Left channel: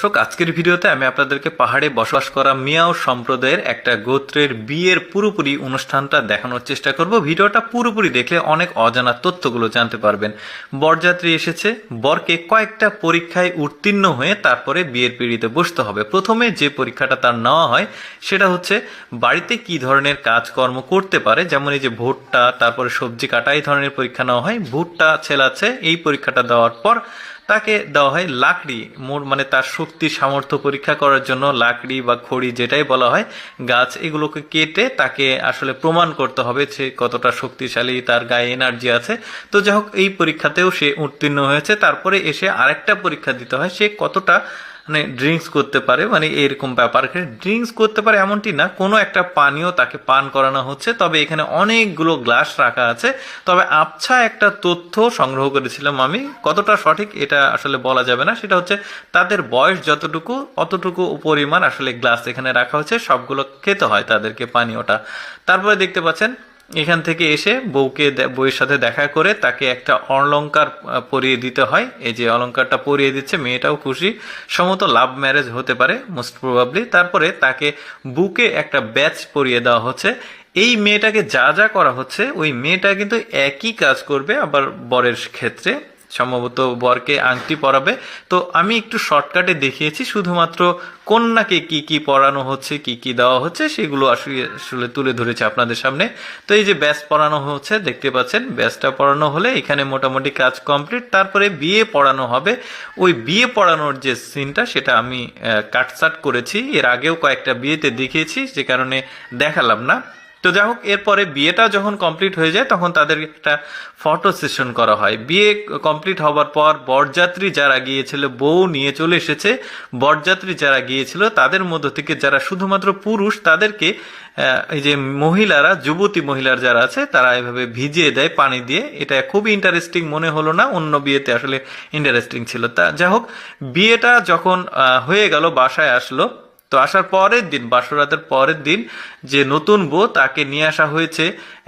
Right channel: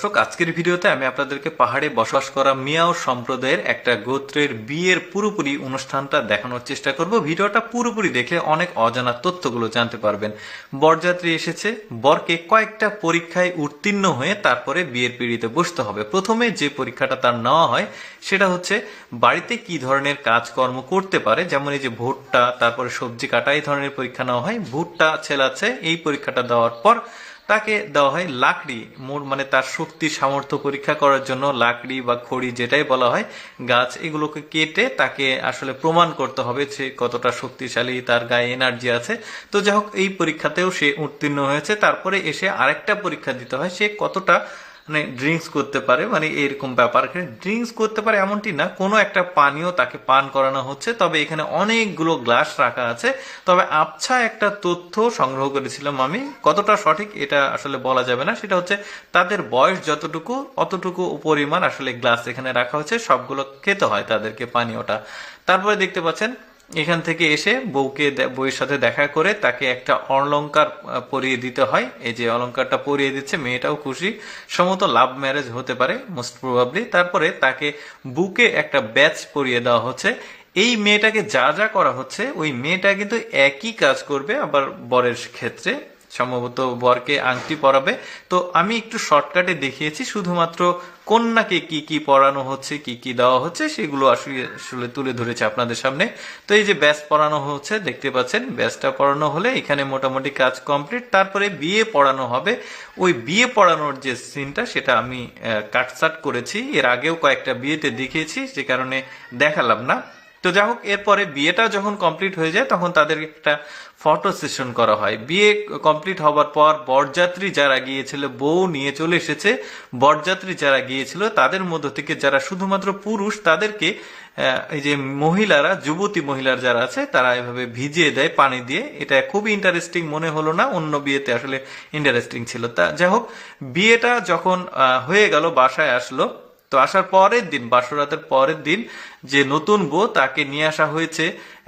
দর্শক, আজকের ভিডিওতে আমি আপনাদেরকে পাহাড়ে বসবাস করা মিয়াও সম্প্রদায়ের একটা গোত্রের বিয়ের পুরোপুরি অনুষ্ঠানটা দেখানোর চেষ্টা করব। ভিডিওটা পুরোপুরি দেখলে অনেক অজানা তথ্যগুলো জানতে পারবেন। বরযাত্রী এসেছে, বরকে কয়েকটা পরীক্ষায় উত্তীর্ণ হয়ে তারপরে বিয়ের পিড়িতে বসতে হবে। প্রথমে যে পরীক্ষাটা তার নেওয়া হয়, সেটা হচ্ছে বাড়িতে কি ধরনের কাজকর্ম করতে পারে, যেমন এই যে ভুট্টা, তারপরে সবজি কাটা, এই ধরনের পরীক্ষা নেওয়া হয়। ভুট্টা ছেলাচ্ছে এই পরীক্ষাটা দেওয়ার পর তাকে দেওয়া হয় লাকড়ি। মোর মানে তার শক্তি, সামর্থ্য পরীক্ষা করার জন্য লাকড়ি বা খড়ি যেটাই বলা হয়, গাছ এগুলোকে কেটে তাকে আসলে প্রমাণ করতে হবে সে কতটা শক্তিশালী তার গায়ে এনার্জি আছে। তো যাই এই পরীক্ষাতেও সে উত্তীর্ণ হয়েছে। তারপরে এসে আরেকটা পরীক্ষা দিতে হয়, সে কতটা মানে ড্রিঙ্কস করতে পারে মানে এরকম ব্যাপার। ড্রিঙ্কস করতে পারে এমনটি না, কোনো একটা পানীয় তাকে পান করানো হচ্ছে, তবে এখানে অনেকগুলো গ্লাস রাখা আছে। তবে আবছা একটা তথ্য সংগ্রহ করেছিলাম আমি, কতটা সঠিক এটা আসলে বলা যাবে না, সেটা হচ্ছে তাদের বয়স যতটুকু, অতটুকু পরিমাণ আসলে গ্লাস এখানে রাখা হচ্ছে সবগুলো খেতে হয় তাদেরকে পানীয়টা। তারপরে দেখতে পাচ্ছেন এখান থেকে এসে বউকে বউয়ের সাথে দেখা করে তাকে একটা অলঙ্কার পরিয়ে দিতে হয়। এই যে অলঙ্কারটা পরিয়ে দিচ্ছে, মেয়েটাও খুশি। সম্ভবত লাভ ম্যারেজ হতে পারে মোস্ট প্রবাবলি তারপরে তাকে বুকে একটা ব্যাচ পরিয়ে দেওয়া হচ্ছে। এই মেয়েটাকে যা যা করা হচ্ছে, ওই মেয়েটা কিন্তু একই কাজ করবে আবার বরের ক্ষেত্রে। সম্ভবত বরকে আংটি পরাবে। তো আমি একটু শর্টকাটে দেখিয়েছি, শুধুমাত্র কন্যাকে কি কি পড়ানো হচ্ছে, কি কি দেওয়া হচ্ছে, সেগুলো আসলে আসলে তুলে ধরেছে আপনাদের সামনে। তো এই যে ব্যাস পড়ানো হচ্ছে, দেখতে পাচ্ছেন, ব্যাসটা পড়ানো হলে এখানে মোটামুটি কাজ কমপ্লিট। তারপরে বিয়ে পড়ানো হবে। ওই বিয়ে পড়ানোর যে সিনটা, সেটা আমি কাটসাট করেছি। এর আগেও কয়েকটা বিয়েতে দেখিয়েছি, যে কারণে দেখালাম না। তো যাই হোক, এরপরে বিয়েটা যখন কমপ্লিট হয়ে যায়, তখন তাদের একটা ফটো সেশন করা হয়। বিয়ে কমপ্লিট হবার পর বরযাত্রী যারা গিয়েছিল, বউ নিয়ে চলে এসেছে। বরযাত্রী যারা গিয়েছিল, তাদের মধ্য থেকে যারা শুধুমাত্র পুরুষ, তাদেরকে এই যে মহিলারা, যুবতী মহিলার যারা আছে, তারা এভাবে ভিজিয়ে দেয়, পানি দিয়ে। এটা খুবই ইন্টারেস্টিং মনে হলো না, অন্য বিয়েতে আসলে ইন্টারেস্টিং ছিল। তা যাই হোক, বিয়েটা যখন হয়ে গেল, বাসায় আসলো তো আসার পরের দিন বাসরাতের পরের দিন যে নতুন বউ তাকে নিয়ে আসা হয়েছে,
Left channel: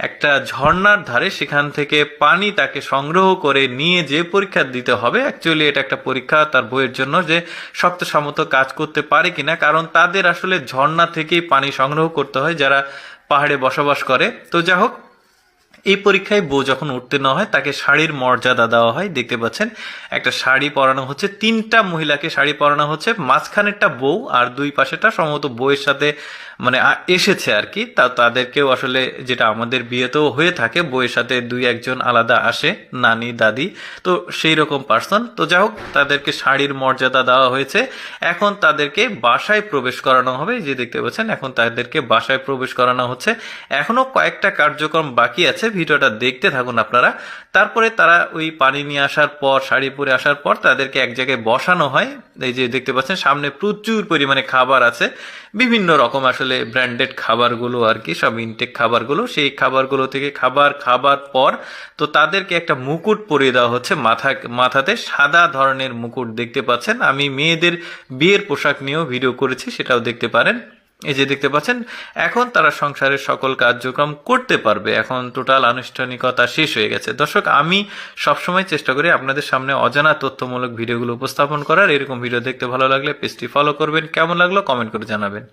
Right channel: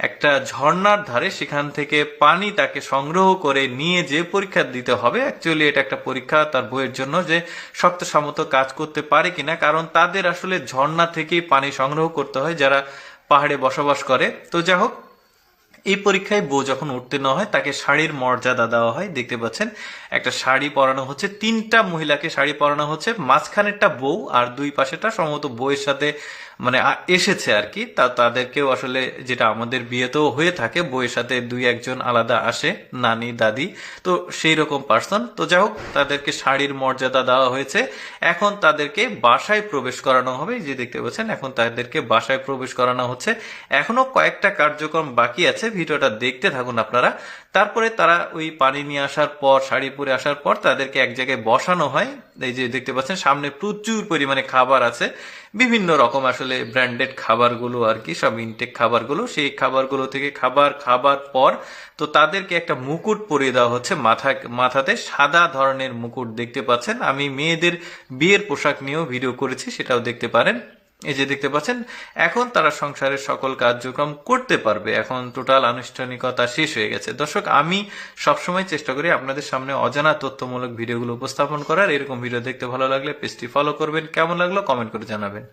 একটা ঝর্ণার ধারে। সেখান থেকে পানি তাকে সংগ্রহ করে নিয়ে যে পরীক্ষা দিতে হবে। অ্যাকচুয়ালি এটা একটা পরীক্ষা তার বইয়ের জন্য যে শক্ত সামর্থ্য কাজ করতে পারে কিনা, কারণ তাদের আসলে ঝর্ণা থেকেই পানি সংগ্রহ করতে হয় যারা পাহাড়ে বসবাস করে। তো যাই হোক এই পরীক্ষায় বউ যখন উত্তীর্ণ হয়, তাকে শাড়ির মর্যাদা দেওয়া হয়। দেখতে পাচ্ছেন, একটা শাড়ি পরানো হচ্ছে, তিনটা মহিলাকে শাড়ি পরানো হচ্ছে। মাঝখানেরটা বউ আর দুই পাশেটা সম্ভবত বউয়ের সাথে মানে এসেছে আর কি তা, তাদেরকেও আসলে যেটা আমাদের বিয়েতেও হয়ে থাকে বইয়ের সাথে দুই একজন আলাদা আসে, নানি, দাদি। তো সেই রকম পার্সন তো যাই হোক, তাদেরকে শাড়ির মর্যাদা দেওয়া হয়েছে। এখন তাদেরকে বাসায় প্রবেশ করানো হবে যে দেখতে পাচ্ছেন, এখন তাদেরকে বাসায় প্রবেশ করানো হচ্ছে। এখনও কয়েকটা কার্যক্রম বাকি আছে, ভিডিওটা দেখতে থাকুন আপনারা। তারপরে তারা ওই পানি নিয়ে আসার পর, শাড়ি পরে আসার পর তাদেরকে এক জায়গায় বসানো হয়। এই যে দেখতে পাচ্ছেন, সামনে প্রচুর পরিমাণে খাবার আছে। বিভিন্ন রকম আসলে ব্র্যান্ডেড খাবারগুলো আর কি, সব ইনটেক খাবারগুলো, সেই খাবারগুলো থেকে খাবার খাবার পর তো তাদেরকে একটা মুকুট পরিয়ে দেওয়া হচ্ছে মাথা, মাথাতে সাদা ধরনের মুকুট দেখতে পাচ্ছেন। আমি মেয়েদের বিয়ের পোশাক নিয়েও ভিডিও করেছি, সেটাও দেখতে পারেন। এই যে দেখতে পাচ্ছেন, এখন তারা সংসারের সকল কার্যক্রম করতে পারবে। এখন টোটাল আনুষ্ঠানিকতা শেষ হয়ে গেছে। দর্শক, আমি সবসময় চেষ্টা করি আপনাদের সামনে অজানা তথ্যমূলক ভিডিওগুলো উপস্থাপন করার। এরকম ভিডিও দেখতে ভালো লাগলে পেজটি ফলো করবেন। কেমন লাগল কমেন্ট করে জানাবেন।